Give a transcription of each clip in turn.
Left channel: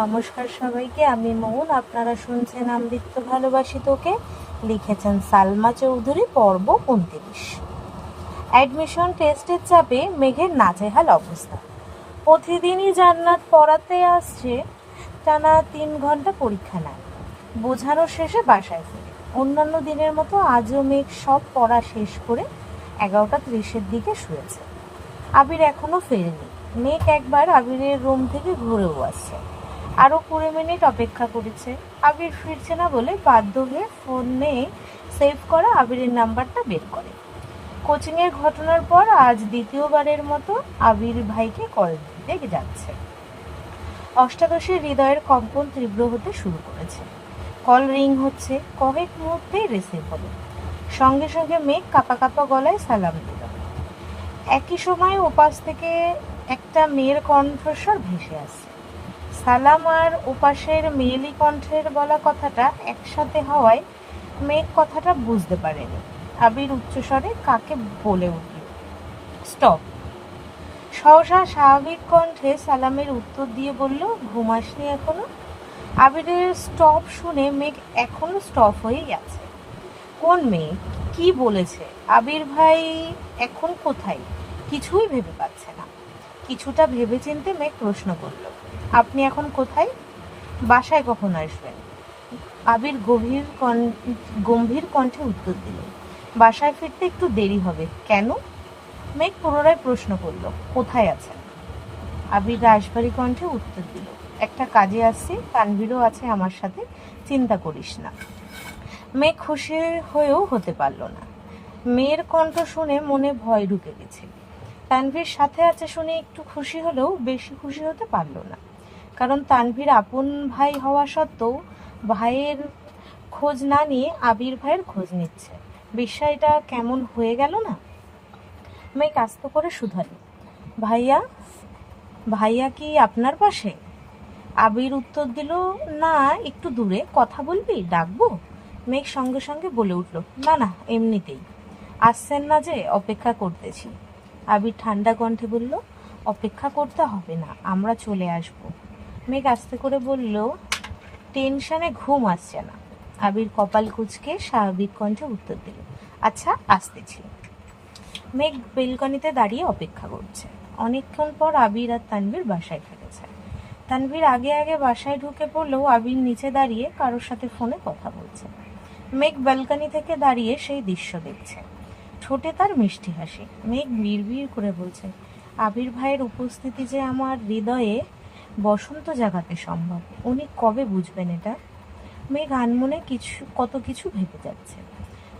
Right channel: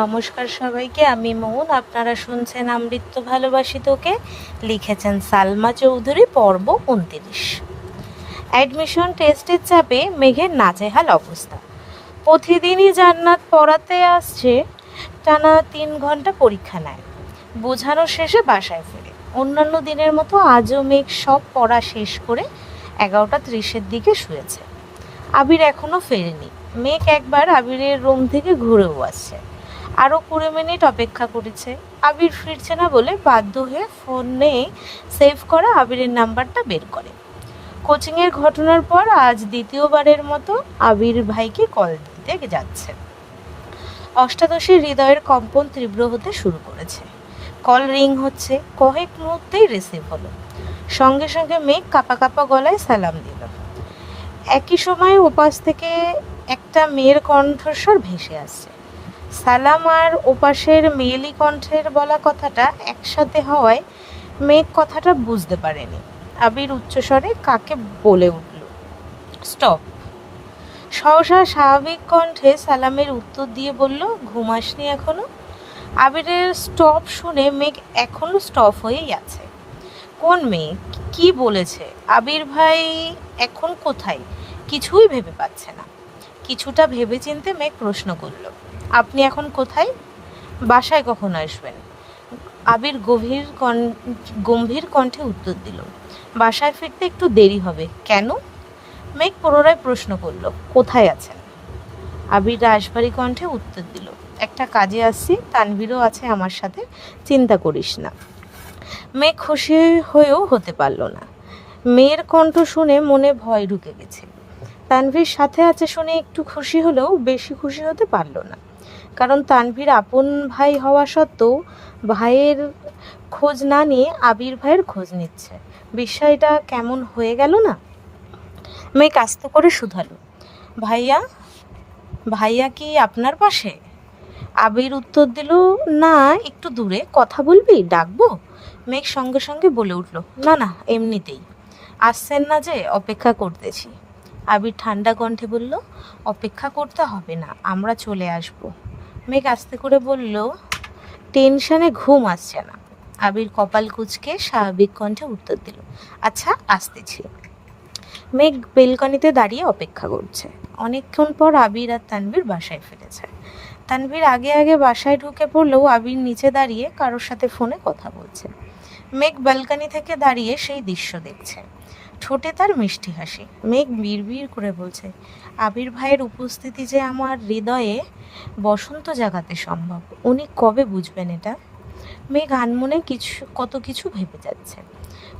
নমস্কার সবাইকে, আমি মৌন। আপনারা শুনছেন আমৃত্যু ভালোবাসি তোকে, লিখেছেন সালমা চৌধুরী। পর্ব 29। অ্যাডমিশন টেস্টের চাপে মেঘের নাজেহাল অবস্থা। প্রতিদিনই জান্নাত পড়াতে আসছে, টানা 3 ঘন্টা পরীক্ষা নেয়, বোঝানো শেষে বাসায় ফেরে। অন্যান্য দিনের মতো আজও মেঘ সব পড়া শেষ করে 11:30-এর দিকে শুয়েছে। আবির এখনও ফেরেনি। মেঘ একবার আবিরের রুম থেকে ঘুরেও আসছে, আরও 20 মিনিট অপেক্ষা করেছে। আবির ফিরছে না বলে বাধ্য হয়ে ফোনে সেভ করা আবিরের নাম্বারটা বের করে। কোচিংয়ের ঘটনার পর আজ দ্বিতীয়বারের মতো আবির ভাইকে কল দিতে যাচ্ছে। অষ্টাদশীর হৃদয়ের কম্পন তীব্র হতে শুরু করেছে। কল রিং হচ্ছে, কয়েক মুহূর্তেই রিসিভ হলো। সঙ্গে সঙ্গে মেঘ কাঁপা কাঁপা গলায় সালাম দিল। একই সময় ওপাশ থেকে একটা মেয়ের কণ্ঠস্বর ভেসে আসছে। সালাম আর ওপাশের মেয়েলি কণ্ঠের বলা কথাটা একসাথে হওয়ায় মেঘ কথাটা বুঝতে পারেনি। আবির উচ্চস্বরে কাকে বলে উঠল, স্টপ। সহসা স্বাভাবিক কণ্ঠে সালামের উত্তর দিয়ে বলল, ঘুমাসনি এখনো? আবিরের স্টপ শুনে মেঘ এখনো স্টপ হয়েই আছে। কোন মেয়ে, কি বলেছে? আবির ভাই এখন কোথায়? কিছুই ভেবে পাচ্ছে না। কিছুটা ভেবেচিন্তে মেঘ প্রশ্ন করল, আপনি এখন কোথায়? বাসায় কখন আসবেন? আবির গম্ভীর কণ্ঠে উত্তর দিল, বাসায় ফিরতে একটু দেরি হবে। কেন? মেঘ পুনরায় প্রশ্ন করল, কোথায় আছেন? আবির রাশভারী কণ্ঠে উত্তর দিল, একটা কাজে আসছি, তানভীরও আছে আমার সাথে, চিন্তা করিস না। মেঘ খুশি হয়েও হতে পারল না। মেয়ের কণ্ঠ শুনে মনে ভয় ঢুকে গেছে। তানভীর সাথে আছে শুনে একটু খুশি হলেও বেশি খুশি হতে পারল না, কারণ তানভীর আপন ভাই হওয়া সত্ত্বেও ভাইয়ের খোঁজ না নিয়ে আবির ভাইয়ের খোঁজ নিচ্ছে। বিষয়টা কেমন হয়ে গেল না? মেঘ আস্তে করে শুধালো, ভাইয়া ভাইয়া কি আপনার পাশে? আবির উত্তর দিল, না, একটু দূরে। কথা বলবি? ডাকবো? মেঘ সঙ্গে সঙ্গে বলে উঠল, না না, এমনিতেই। আসছেন না যে, অপেক্ষা করতেছি। আবির ঠান্ডা কণ্ঠে বলল, অপেক্ষা করতে হবে না, আমরা চলে আসব। মেঘ আস্তে করে বলল, টেনশনে ঘুম আসছে না। আবির কপাল কুঁচকে স্বাভাবিক কণ্ঠে উত্তর দিল, আচ্ছা, আসতেছি। মেঘ বেলকনিতে দাঁড়িয়ে অপেক্ষা করছে। অনেকক্ষণ পর আবির আর তানভীর বাসায় ফিরেছে। তানভীর আগে আগে বাসায় ঢুকে পড়লেও আবির নিচে দাঁড়িয়ে কারোর সাথে ফোনে কথা বলছে। মেঘ ব্যালকনি থেকে দাঁড়িয়ে সেই দৃশ্য দেখছে। ঠোঁটে তার মিষ্টি হাসি। মেঘ বিড়বিড় করে বলছে, আবির ভাইয়ের উপস্থিতি যে আমার হৃদয়ে বসন্ত জাগাতে সম্ভব। উনি কবে বুঝবেন এটা? মেঘ আনমনে কত কিছু ভেবে যাচ্ছে।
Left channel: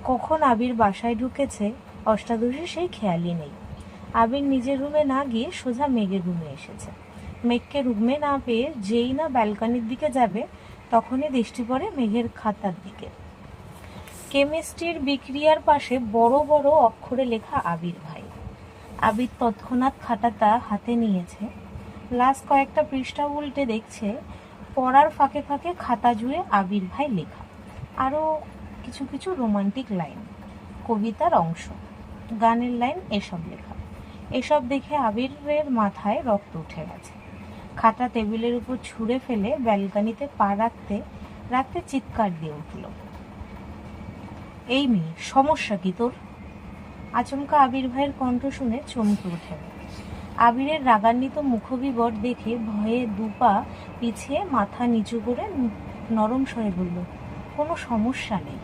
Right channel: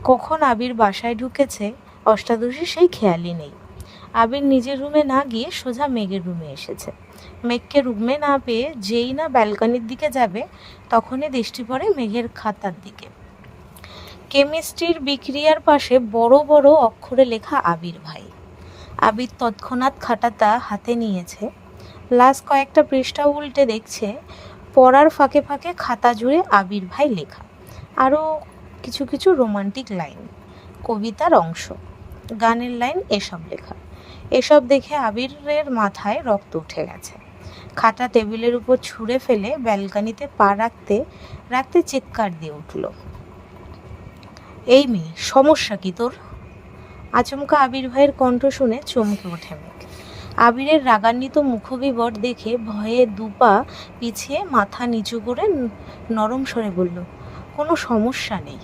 কখন আবির বাসায় ঢুকেছে অষ্টাদশী সেই খেয়ালই নেই। আবির নিজের রুমে না গিয়ে সোজা মেঘের রুমে এসেছে। মেঘকে রুমে না পেয়ে যেই না ব্যালকনির দিকে যাবে, তখনই দৃষ্টি পড়ে মেঘের খাতার দিকে। কেমিস্ট্রির বিক্রিয়ার পাশে বড় বড় অক্ষরে লেখা আবির ভাই। আবির তৎক্ষণাৎ খাতাটা হাতে নিয়েছে। লাস্ট কয়েকটা পৃষ্ঠা উল্টে দেখছে, পড়ার ফাঁকে ফাঁকে খাতা জুড়ে আবির ভাই লেখা, আরও কিছু কিছু রোমান্টিক লাইন, কবিতার অংশ, গানের লাইন, এসব লেখা। এসব দেখে আবিরের মাথায় রক্ত উঠে গেছে। খাতা টেবিলের উপর ছুঁড়ে ফেলে ব্যালকনিতে পা রাখতে রাখতে চিৎকার দিয়ে উঠল, এই মেয়ে, সমস্যা কি তোর? আচমকা আবির ভাইয়ের কণ্ঠ শুনে চমকে ওঠে মেঘ। আবিরের রাগান্বিত মুখবিবর দেখে ভয়ে দুপা পিছিয়ে মাথা নিচু করে নরম স্বরে বলল, কোনো সমস্যা নেই।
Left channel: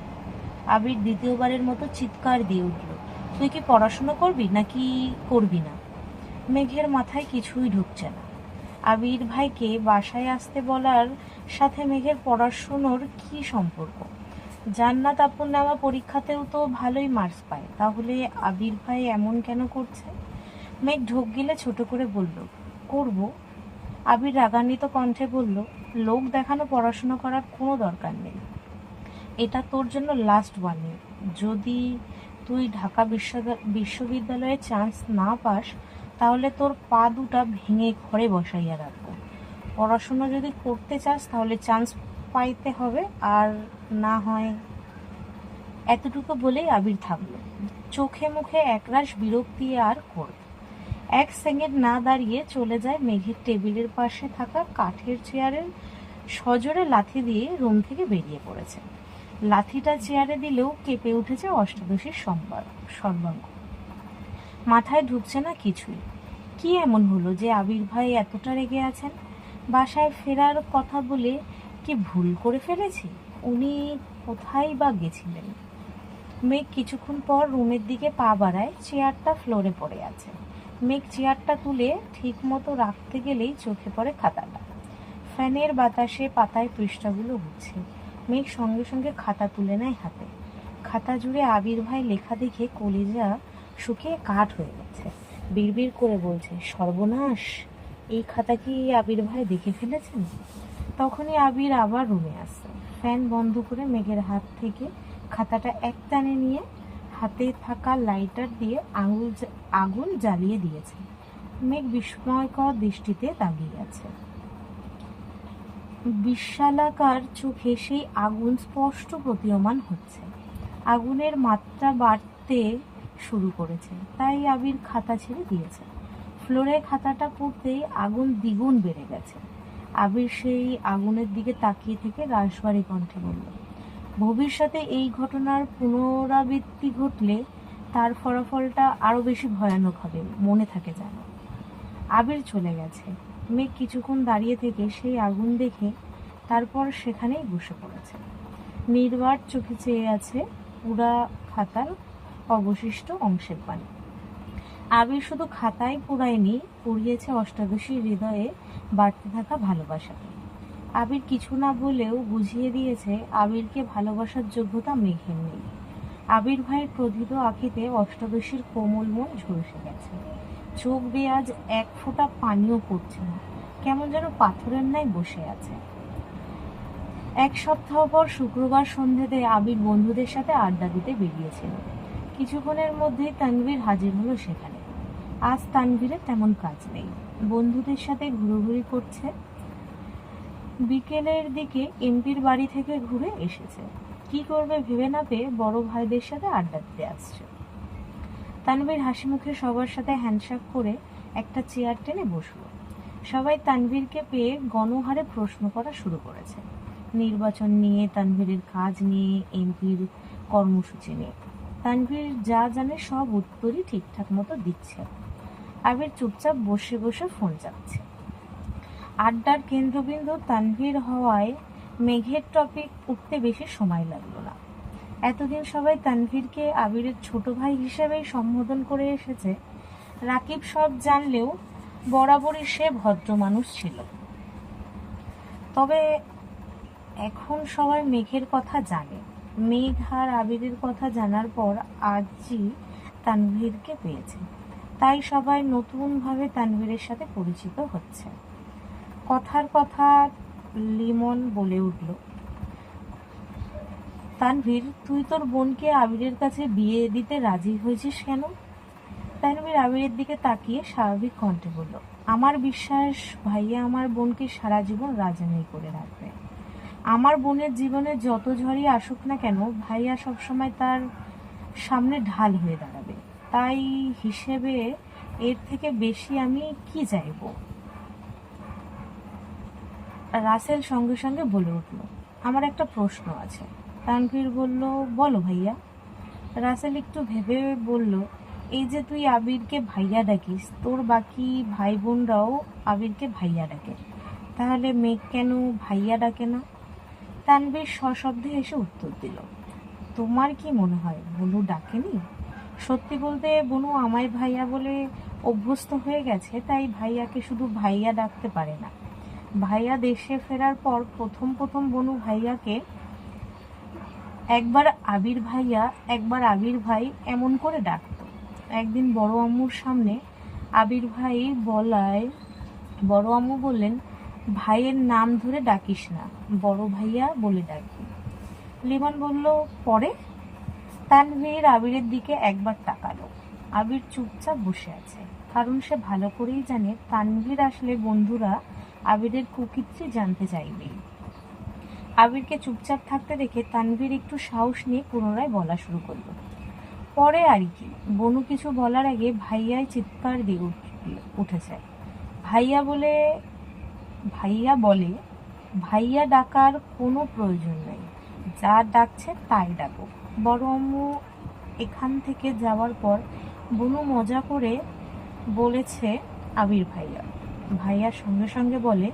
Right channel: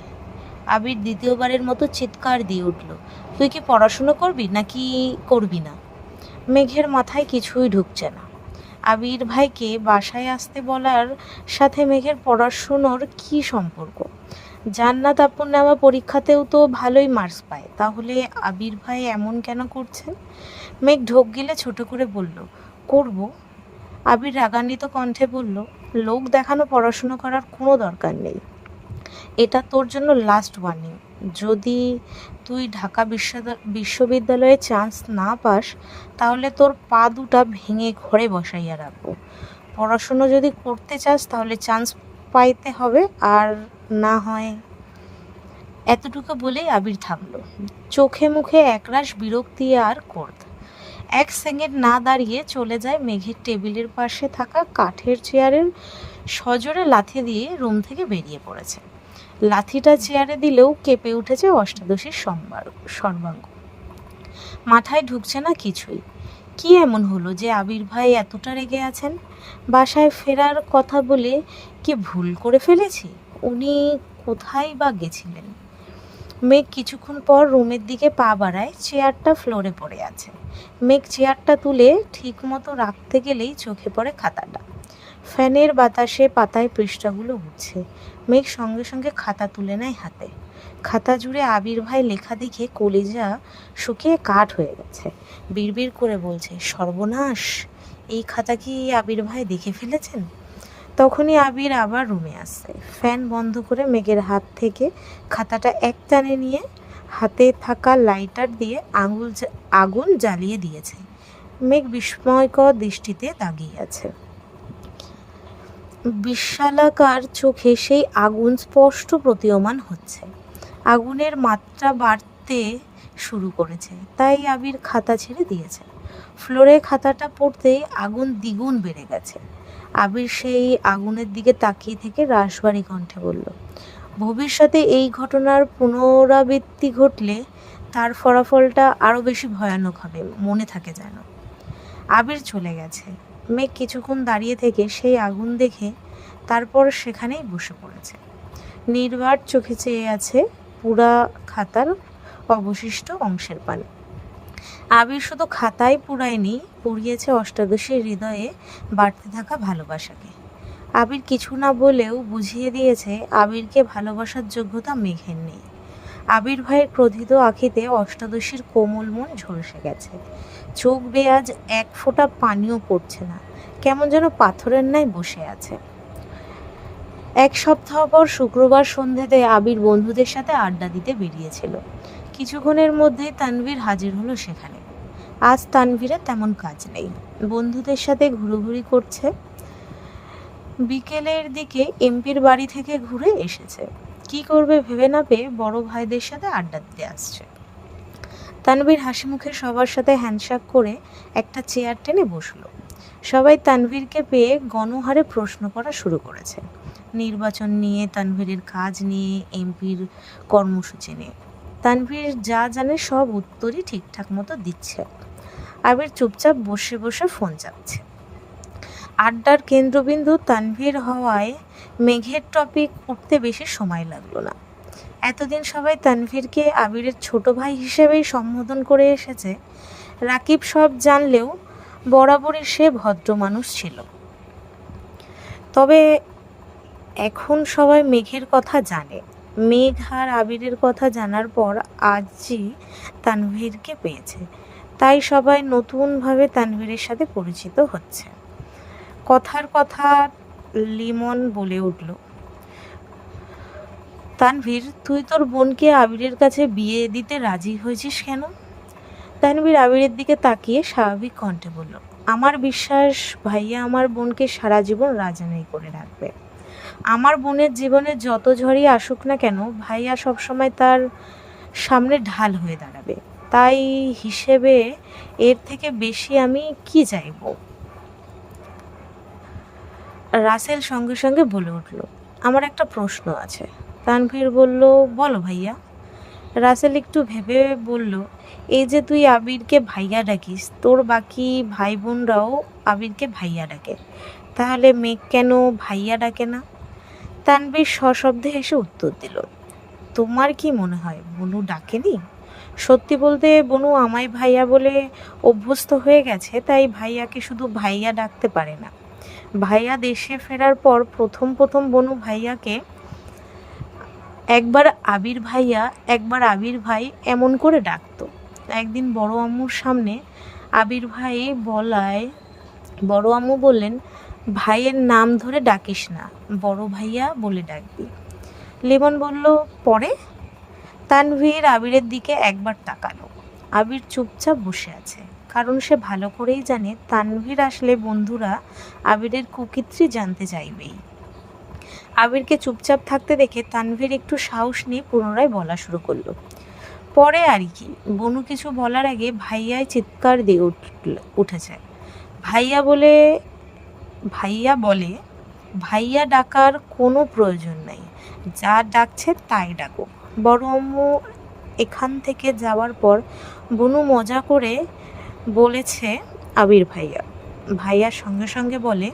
আবির দ্বিতীয়বারের মতো চিৎকার দিয়ে উঠল, তুই কি পড়াশুনো করবি নাকি করবি না? মেঘের মাথায় কিছুই ঢুকছে না। আবির ভাইকে বাসায় আসতে বলার সাথে মেঘের পড়াশুনোর কি সম্পর্ক? জান্নাত আপুর নেওয়া পরীক্ষাতেও তো ভালোই মার্কস পায়, তাহলে আবির ভাই এমন কেন করছেন? মেঘ ঢোক গিলে ছোট করে বলল, করব। আবির রাগান্বিত কণ্ঠে বলল, লোক দেখানো পড়াশুনো করার কোনো দরকার নেই। এটা তোর জন্য লাস্ট ওয়ার্নিং। যদি তুই ঢাকা বিশ্ববিদ্যালয়ে চান্স না পাস, তাহলে তোর পা দুটা ভেঙে ঘরে বসাইয়া রাখবো। পড়াশুনো যদি করতে চাস তাহলে চান্স পাইতে হবে, আর না হয়। এতটুকু বলেই আবির থামল। চোখে মুখে একরাশ বিরক্তি আর ক্রোধ। এক সেকেন্ড না দাঁড়িয়ে চলে যায় মেঘের টেবিলের পাশে থাকা কাঠের চেয়ারের সজোরে লাথি দিয়ে রুম থেকে বেরিয়ে পড়েছে। লাথিটা চেয়ারে দিলেও কেঁপে উঠেছে অষ্টাদশীর সর্বাঙ্গ। মাথায় ঢুকছে না কিছুই। কি এমন হলো যে আবির ভাই এতটা রেগে আছেন? বাসায় ফেরার কথা বলে কি ভুল করে ফেলেছি? উনি কোথায় বা গেছিলেন? মেঘ কিছুক্ষণ পর রুমের দিকে পা বাড়ায়, চেয়ারটা ফ্লোরে পড়ে আছে। মেঘ চেয়ারটা তুলে ঠিক মতো রাখতে গেলেই চোখে পড়ে খাতাটা। ফ্যানের বাতাসে পাতায় পৃষ্ঠাগুলো উঠছে। মেঘ সঙ্গে সঙ্গে খাতা তুলে নেয় হাতে। খাতা জুড়ে আবির ভাই লেখা দেখে কলিজা শুকিয়ে কাঠ হয়ে গেছে। বিড়বিড় করে বলছে, সর্বনাশ, এই খাতা কি আবির ভাই দেখে ফেলেছেন? তখনই আবির আবার রুমে আসছে। ফ্যান বন্ধ করে মেঘের হাত থেকে খাতাটা এক টানে নিয়ে হাতে থাকা লাইটার দিয়ে আগুন জ্বালিয়ে দিয়েছে। মেঘ বিস্ময়কর দৃষ্টিতে তাকিয়ে আছে। বিশালাকার চোখে সেই আগুন স্পষ্ট প্রতীয়মান হচ্ছে। আগুনের মাত্রা বাড়তে শুরু করেছে, তাই আবির খাতা ছেড়ে দিয়েছে। ফ্লোরে খাতাটা পড়তেই আগুন দ্বিগুণ বেড়ে গেছে। আবির সেই আগুনের দিকে তাকিয়ে থেকে রাশবাড়ি কণ্ঠে বলল, ভবিষ্যতে এই ঘটনার পুনরাবৃত্তি ঘটলে তার ফলাফলটা আরও বেশি ভয়ানক হবে, মনে থাকে যেন। আবির চলে গেছে। মেঘ কিছুক্ষণ দাঁড়িয়ে থেকে সেই আগুন দেখে তারপর সেখানেই বসে পড়েছে। নির্বাক চোখে চেয়ে আছে পুরা খাতার অবশিষ্ট অংশের পানে। আবির শুধু খাতায় পুরায়নি, পুড়িয়েছে অষ্টাদশীর হৃদয়ে বাড়তে থাকা ভালোবাসাকে। আবির কিছু না বলেও বুঝিয়ে দিয়েছে আবিরকে ভালোবাসার যোগ্যতা মেঘের নেই। আবির ভাইয়ের ক্রোধিত আঁখিতে অষ্টাদশীর কোমল মন ঝলসে গেছে। চোখ বেয়ে আজ এক ফোঁটা পানিও পড়ছে না, কেমন যেন পাথরের ন্যায় বসে আছে। এক সপ্তাহ পর শুক্রবার সন্ধ্যেতে আবির বন্ধুদের সাথে আড্ডা দিতে বেরিয়েছিল। কিছুক্ষণের মধ্যেই তানভীর হাজির হলো সেখানে। আজ তানভীরের তেমন কাজ নেই, বন্ধুদের সাথে ঘুরোঘুরি করছে। বিকেলের দিকে এমপির বাড়ি থেকে ঘুরে এসেছে। কি করবে ভেবে না পেয়ে বড় ভাইদের সাথে আড্ডা দিতে আসছে। তানভীর হাসি মুখে সবার সাথে হ্যান্ডশেক করে একটা চেয়ার টেনে বসলো। সবাই তানভীরকে পেয়ে গণহারে প্রশ্ন করা শুরু করেছে, নির্বাচন নিয়ে, তানভীরের কাজ নিয়ে, এমপির কর্মসূচি নিয়ে। তানভীর যা জানে সব উত্তরই ঠিকঠাক মতো দিচ্ছে। আবির চুপচাপ বসে বসে ফোন চাপছে। আড্ডার কেন্দ্রবিন্দু তানভীর হওয়ায় মেঘের টপিক উঠতে বেশি সময় লাগলো না। এতদিন সবাই তানভীরকে আবিরের ছোট ভাই হিসেবেই সম্বোধন করে এসেছে। রাকিব সব জানলেও বরাবরই সে ভদ্র মানুষ ছিল। তবে এখন সবাই মেঘের কথা জানে। মেঘ আর আবিরের কথা জানার পর আজই তানভীরকে পেয়েছে, তাই সবাই নতুনভাবে তানভীরের সাথে পরিচিত হচ্ছে। কথার কথা লিমন বলে উঠল, তানভীর, তুই তোর বোনকে আবিরের কাছে বিয়ে দিতে রাজি হয়েছিস কেন? তানভীর আবিরের দিকে তাকিয়ে স্বাভাবিক কণ্ঠে বলল, আমার বিশ্বাস ভাইয়া আমার বোনকে সারা জীবন রাজানাই করে রাখবে। আমার বোনের জীবনে যত ঝড়ই আসুক না কেন, ভাইয়া সবসময় তার সামনে ঢাল হয়ে দাঁড়াবে। তাই হিসেবে এর থেকে বেশি আমি কি চাইব? রাসেল সঙ্গে সঙ্গে বলে উঠল, আমার একটা প্রশ্ন আছে। তানভীর বলল, বলো ভাইয়া। রাসেল একটু ভেবে বলল, এই যে তুই আবিরকে ভাইয়া ডাকিস, তোর বাকি ভাই বোনরাও আবিরকে ভাইয়া ডাকে, তাহলে মেঘ কেন ভাইয়া ডাকে না? তানভীর সশব্দে এসে উত্তর দিল, তোমার কি মনে হয় বনু ডাকেনি? সত্যি বলতে বনু আমায় ভাইয়া বলে অভ্যস্ত হয়ে গেছে, তাই ভাইয়াকে শুধু ভাইয়া ডাকতে পারে না। ভাইয়া দেশে ফেরার পর প্রথম প্রথম বনু ভাইয়াকে একবার আবির ভাইয়া, একবার আবির ভাই এমন করে ডাকতো। একদিন বড় আম্মুর সামনে আবির ভাই বলায় বড় আম্মু বললেন, ভাইয়ের নাম ধরে ডাকিস না, বড় ভাইয়া বলে ডাকবি। লিমন বলল, পরে? তানভীর আবিরের দিকে একবার তাকালো। আবির চুপচাপ বসে আছে, কারণ সে ভালো করেই জানে তানভীর আসলে বন্ধুরা আবিরের কুকীর্তি জানতে চাইবেই। আবিরকে চুপচাপ থাকতে দেখে তানভীর একটু সাহস নিয়ে পুনরায় বলা শুরু করলো, পরে আর কি, বনু কিছু বলার আগে ভাইয়ায় চিৎকার দিয়ে উঠেছে। ভাইয়া বলে ভাইয়া বলে ভাইয়া ডাকার কোনো প্রয়োজন নাই, যা ডাকছে তাই ডাকো। বড় আম্মু এখান থেকে যাওয়ার পর বনু মজা করে বলেছে আবির ভাইয়া। ভাইয়ার সঙ্গে সঙ্গে বলে,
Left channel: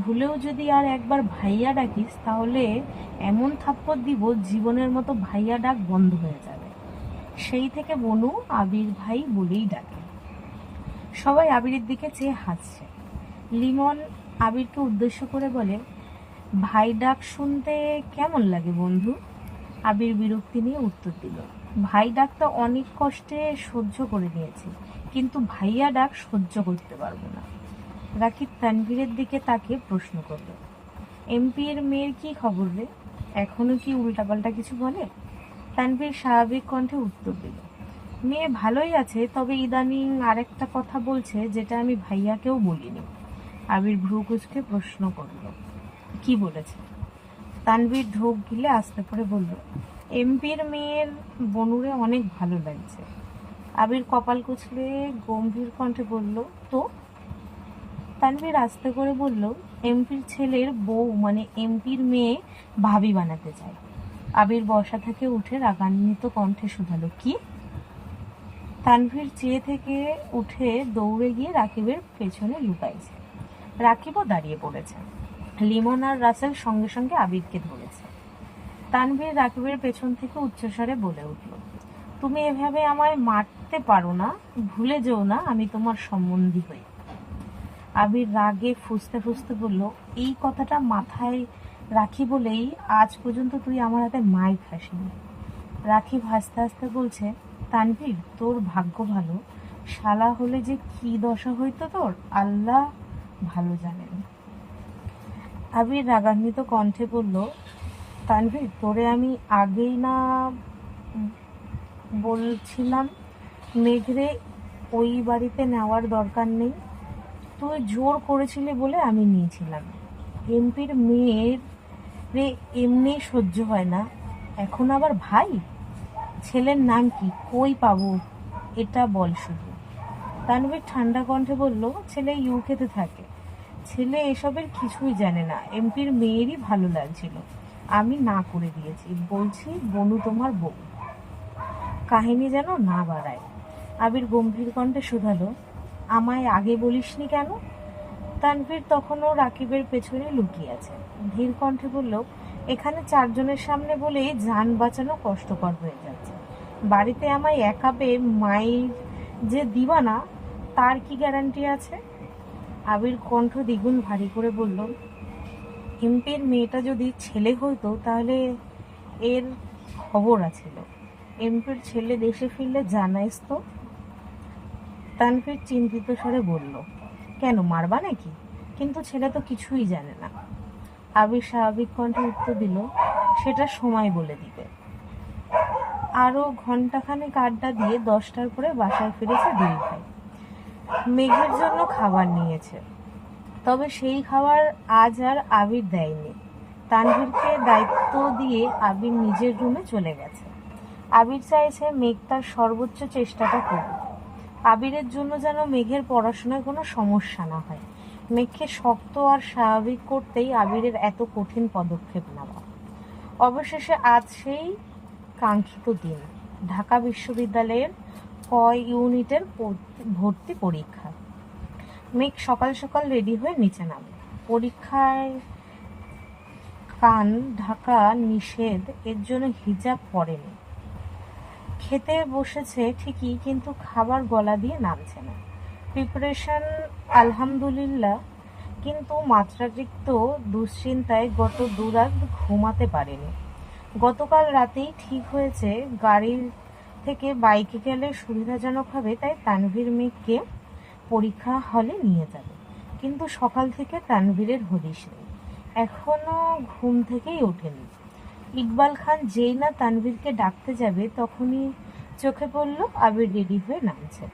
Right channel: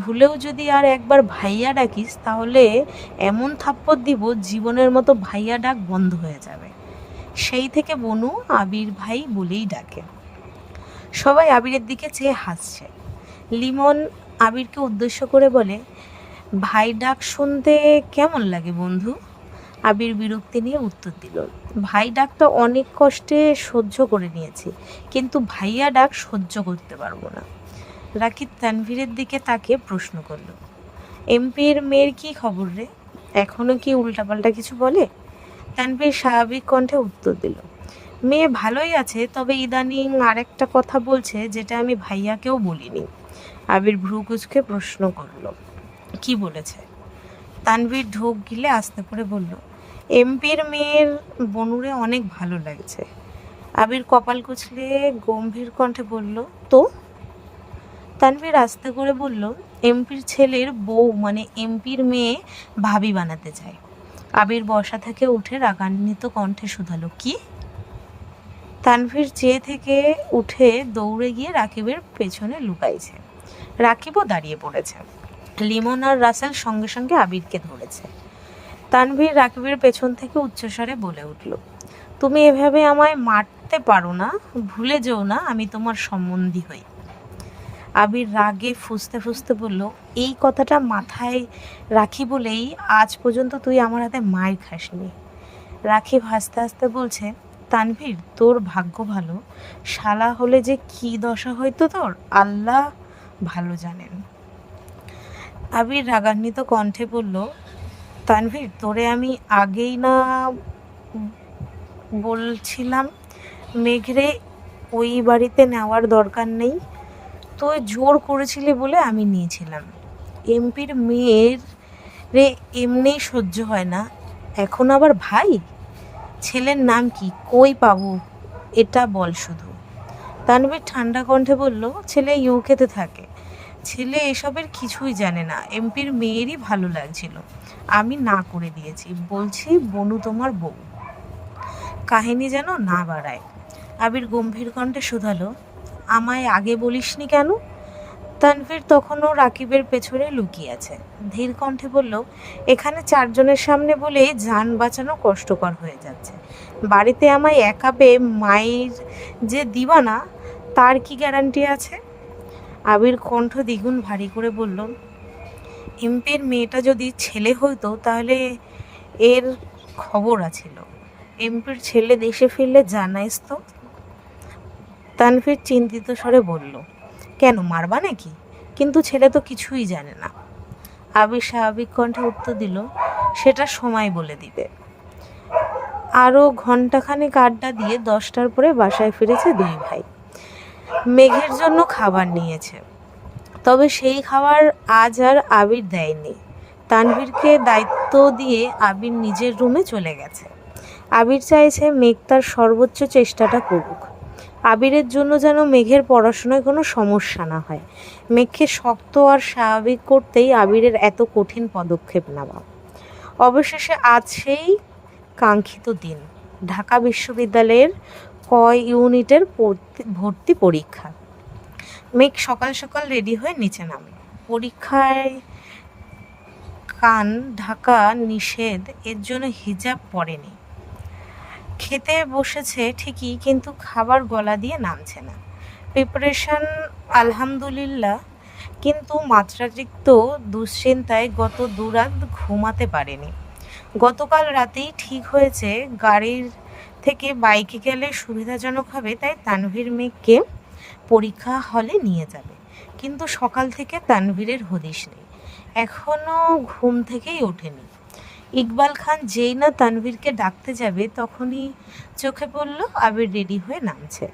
ভুলেও যদি আর একবার ভাইয়া ডাকিস তাহলে এমন থাপ্পড় দিব জীবনের মতো ভাইয়া ডাক বন্ধ হয়ে যাবে। সেই থেকে বনু আবির ভাই বলেই ডাকে। সবাই আবিরের দিকে চেয়ে হাসছে। লিমন আবিরকে উদ্দেশ্য করে বলে, ভাই ডাক শুনতে কেমন লাগে বন্ধু? আবির বিরক্তি নিয়ে উত্তর দিল, ভাই ডাকটা অনেক কষ্টে সহ্য করে নিয়েছি, কিন্তু ভাইয়া ডাক সহ্য করতে পারবো না। রাকিব তানভীরের দিকে তাকিয়ে প্রশ্ন করল, এমপির মেয়ের কি খবর রে? এখনো কি উল্টাপাল্টা কিছু বলে? তানভীর স্বাভাবিক কণ্ঠে উত্তর দিল, মেয়ে ভালোই আছে, তবে ইদানিং আরেকটা কথা বলছে যেটা আমি ভাইয়াকেও বলিনি। আবির ভ্রু কুঁচকে প্রশ্ন করল, কি বলেছে? তানভীর ঢোক গিলে আস্তে করে বলল, এমপির মেয়ের বনুরে অনেক ভালো লাগছে। আবির কপাল কুচলে গম্ভীর কণ্ঠে বলল, তো? তানভীর আস্তে করে বলল, এমপির ছেলের বউ মানে এমপির মেয়ে ভাবি বানাতে চায়। আবির বসা থেকে উঠে রাগান্বিত কণ্ঠে শুধালো, কি? তানভীর চেয়ে থেকে উঠে দৌড়ে গিয়ে রাকিবের পেছনে লুকাইছে। রাকিবও দাঁড়িয়ে পড়েছে। লিমন আর রাসেল সঙ্গে সঙ্গে আবিরকে ধরেছে। তানভীর রাকিবের পেছন থেকে উচ্চস্বরে বলে উঠল, তুমি এভাবে আমায় মারতে পারো না, ভুলে যেও না আমি তোমার সম্বন্ধী হই। আবির রাগে ফুঁসতে ফুঁসতে বলল, এই কথাটা মাথায় রাখি বলেই আজ পর্যন্ত তুই আমার হাতে মায়ের খাসনি। রাকিব হাসতে হাসতে বলছে, তানভীর তোর ভাগ্য ভালো, শালা হলে যে কি দশা হইতো তোর আল্লাহ ভালো জানেন। আবির রাগান্বিত কণ্ঠে বলল, তানভীর তোরে আমি আগেই না বলছিলাম মেঘরে ওই বাড়িতে নেওয়ার দরকার নেই? তুই জোর করেছিলি বলে আমি নিয়েছিলাম। এমপির মেয়ের রে এমনি সহ্য হয় না, এখন আবার ভাই? ছেলের নাম কি, কই পাবো এটা বল শুধু। তানভীর ঠান্ডা কণ্ঠে বলল, ছেলে ইউকেতে থাকে, ছেলে এসবের কিছুই জানে না। এমপির মেয়েরই ভালো লাগছিল, আমি না করে দিয়েছি, বলছি বনু তোমার বউ। কাহিনী যেন না বাড়ায়। আবির গম্ভীর কণ্ঠে শুধালো, আমায় আগে বলিসনি কেন? তানভীর তখনও রাকিবের পেছনে লুকিয়ে আছে। ধীর কণ্ঠে বলল, এখানে চারজনের সামনে বলেই যান বাঁচানো কষ্টকর হয়ে যাচ্ছে। বাড়িতে আমায় একা পেয়ে মায়ের যে দিবা না তার কি গ্যারান্টি আছে? আবির কণ্ঠ দ্বিগুণ ভারী করে বলল, এমপির মেয়েটা যদি ছেলে হইতো তাহলে এর খবর আছিল। এমপির ছেলে দেশে ফিরলে জানাইস তো। তানভীর চিন্তিত স্বরে বলল, কেন মারবা নাকি? কিন্তু ছেলে তো কিছুই জানে না। আবির স্বাভাবিক কণ্ঠে উত্তর দিল, সেটা সময় বলে দিবে। আরও ঘণ্টাখানেক আড্ডা দিয়ে 10টার পরে বাসায় ফিরেছে দুই ভাই। মেঘের জন্য খাবার নিয়েছে, তবে সেই খাবার আজ আর আবির দেয়নি। তানভীরকে দায়িত্ব দিয়ে আবির নিজের রুমে চলে গেছে। আবির চাইছে মেঘ তার সর্বোচ্চ চেষ্টাটা করুক। আবিরের জন্য যেন মেঘের পড়াশোনায় কোনো সমস্যা না হয়। মেঘকে শক্ত আর স্বাভাবিক করতেই আবিরের এত কঠিন পদক্ষেপ নেওয়া। অবশেষে আজ সেই কাঙ্ক্ষিত দিন, ঢাকা বিশ্ববিদ্যালয়ের ক ইউনিটের ভর্তি পরীক্ষা। মেঘ সকাল সকাল রেডি হয়ে নিচে নামে। পরীক্ষায় কান ঢাকা নিষেধ, এর জন্য হিজাব পরেনি। খেতে বসেছে ঠিকই, কিন্তু খাবার গলা দিয়ে নামছে না। প্রিপারেশন আলহামদুলিল্লাহ, কিন্তু মাত্রাতিরিক্ত দুশ্চিন্তায় গত দুরাত ঘুমাতে পারেনি। গতকাল রাতেই ঠিক হয়েছে গাড়ির থেকে বাইকে গেলে সুবিধাজনক হবে, তাই তানভীর মেঘকে পরীক্ষা হলে নিয়ে যাবে। কিন্তু সকাল থেকে তানভীরের হদিশ নেই, এখনও ঘুম থেকেই ওঠেনি। ইকবাল খান যেই না তানভীরকে ডাকতে যাবে তখনই চোখে পড়ল আবির রেডি হয়ে নামছে।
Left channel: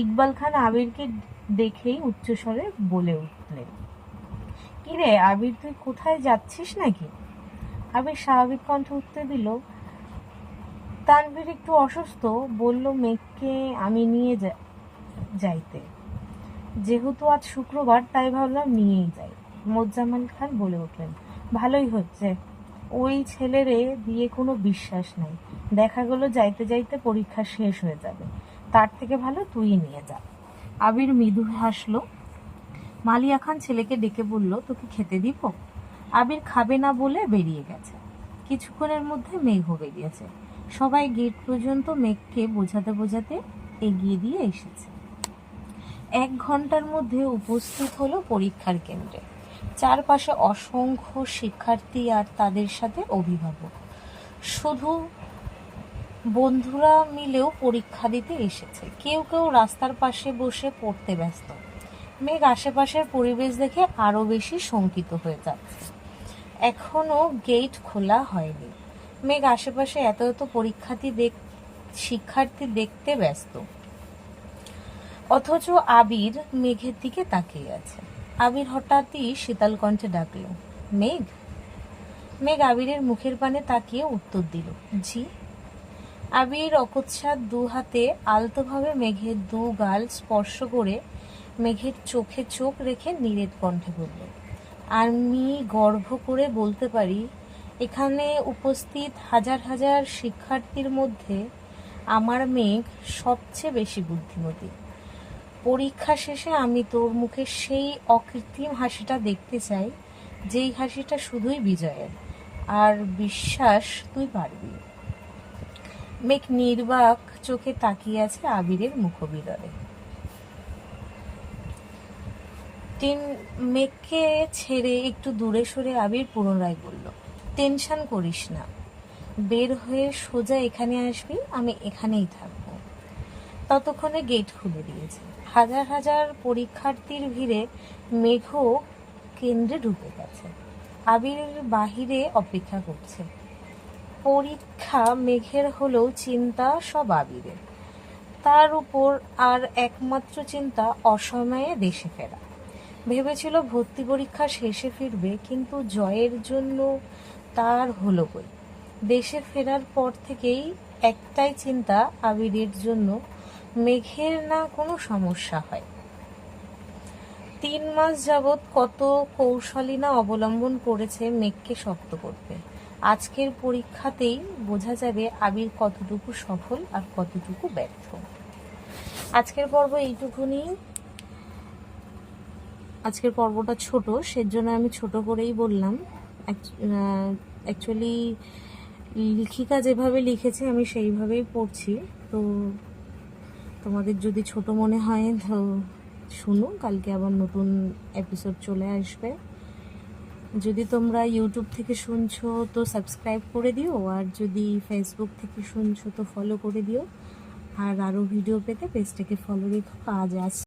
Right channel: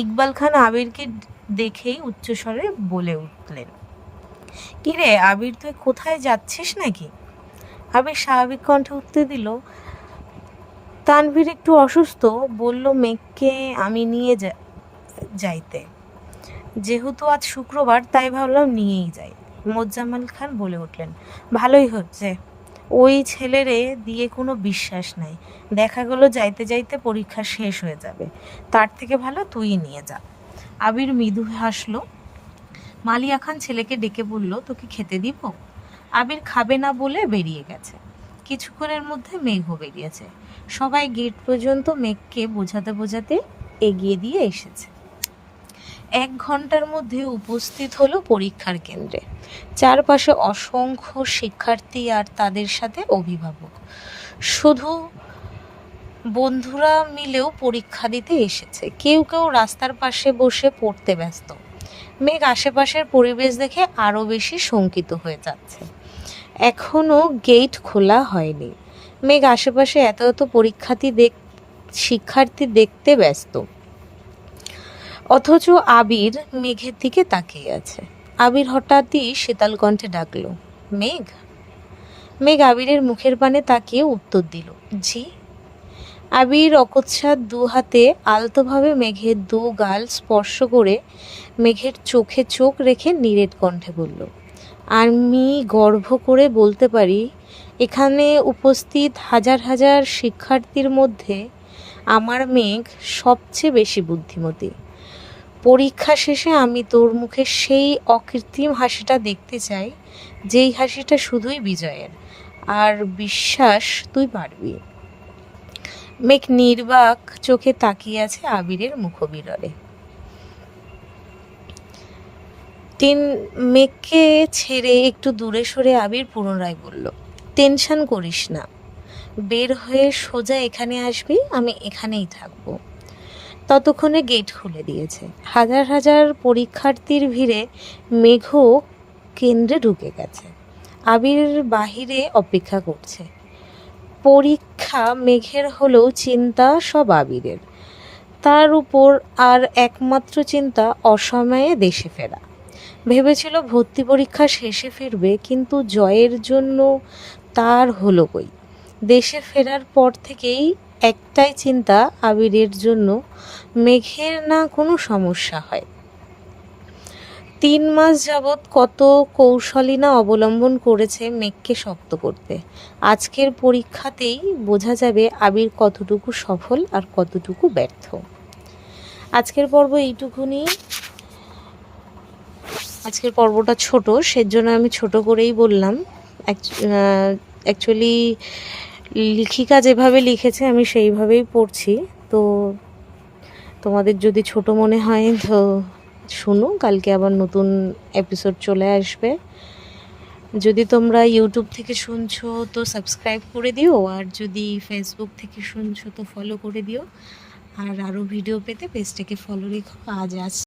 ইকবাল খান আবিরকে দেখেই উচ্চস্বরে বলে উঠলেন, কিরে আবির, তুই কোথায় যাচ্ছিস নাকি? আবির স্বাভাবিক কণ্ঠে উত্তর দিল, তানভীর একটু অসুস্থ, বলল মেঘকে আমি নিয়ে যাইতে। যেহেতু আজ শুক্রবার তাই ভাবলাম নিয়েই যাই। মোজাম্মেল খান বলে উঠলেন, ভালোই হচ্ছে, ওই ছেলেরে দিয়ে কোনো বিশ্বাস নাই। দেখা গেলো যাইতে যাইতে পরীক্ষা শেষ হয়ে যাবে, তার থেকে ভালো তুই নিয়ে যা। আবির মৃদু হাসলো। মালিয়া খান ছেলেকে ডেকে বলল, তোকে খেতে দিব? আবির খাবে না বলে বেরিয়ে গেছে। কিছুক্ষণের মধ্যে মেঘও বেরিয়েছে। সবাই গেট পর্যন্ত মেঘকে বোঝাতে বোঝাতে এগিয়ে দিয়ে এসেছে। 1 ঘন্টার মধ্যে উপস্থিত হলো পরীক্ষার কেন্দ্রে। চারপাশে অসংখ্য শিক্ষার্থী আর তাদের সাথে অভিভাবক। শুধু বন্ধুরা মিলেও পরীক্ষা দিতে এসেছে। কেউ কেউ রাস্তার পাশে বসে পড়তে ব্যস্ত। মেঘ আশেপাশের পরিবেশ দেখে আরও বেশি শঙ্কিত হয়ে যাচ্ছে। এখনও গেট খোলা হয়নি। মেঘ আশেপাশে এত এত শিক্ষার্থী দেখতে ব্যস্ত, অথচ আবির মেঘের দিকে তাকিয়ে আছে। আবির হঠাৎই শীতল কণ্ঠে ডাকলো, মেঘ। মেঘ আবিরের মুখের পানে তাকিয়ে উত্তর দিল, জি। আবির অকস্মাৎ 2 হাতে আলতোভাবে মেঘের 2 গাল স্পর্শ করে মেঘের চোখে চোখ রেখে নিরেট কণ্ঠে বলল, আমি গর্ব করে বলতে পারি এখানে উপস্থিত হাজার হাজার শিক্ষার্থীর মধ্যে আমার মেঘ সবচেয়ে বেশি বুদ্ধিমতী। পরীক্ষা শেষে আমি তোর মুখে সেই অকৃত্রিম হাসিটা দেখতে চাই, যেই হাসিটা শুধুই বিজয়ের, আর বিশ্বাস তুই পারবি। মেঘ নির্বাক চোখে তাকিয়ে আছে আবিরের মুখবিররে। মেঘকে ছেড়ে একটু দূরে সরে আবির পুনরায় বলল, টেনশন করিস না, বের হয়ে সোজা এখানে আসবি, আমি এখানেই থাকবো। ততক্ষণে গেট খুলে দিয়েছে। হাজার হাজার পরীক্ষার্থীর ভিড়ে মেঘও কেন্দ্রে ঢুকে গেছে। আবির বাহিরে অপেক্ষা করছে। পরীক্ষা মেঘের হলেও চিন্তা সব আবিরের। তার উপর আর একমাত্র চিন্তা অসময়ে দেশে ফেরা। ভেবেছিল ভর্তি পরীক্ষা শেষে ফিরবে, কিন্তু জয়ের জন্য তার হলো কই। দেশে ফেরার পর থেকেই একটাই চিন্তা আবিরের জন্য, মেঘের না কোনো সমস্যা হয়। 3 মাস যাবৎ কত কৌশলই না অবলম্বন করেছে মেঘকে শক্ত করতে। আজকের পরীক্ষাতেই বোঝা যাবে আবির কতটুকু সফল আর কতটুকু ব্যর্থ। আজকের পর্ব এইটুকুনি। আজকের পর্বটা ছোট, সেজন্য আমি ছোট করেই বললাম। অ্যাকচুয়ালি লেখিকা যেভাবে লিখেছে আমি সেইভাবেই পড়ছি। তো তোমাদের যদি ছোট মনে হয় তো শুনো, কালকে আবার নতুন এপিসোড চলে আসবে। যদি তোমরা ইউটিউব থেকে শুনছো তো সাবস্ক্রাইব করে দিও, আর যদি ফেসবুক থেকে শুনছো তো ফলো করে দিও। আর আরও ভিডিও পেতে পেজটাকে ফলো রেখো। আজ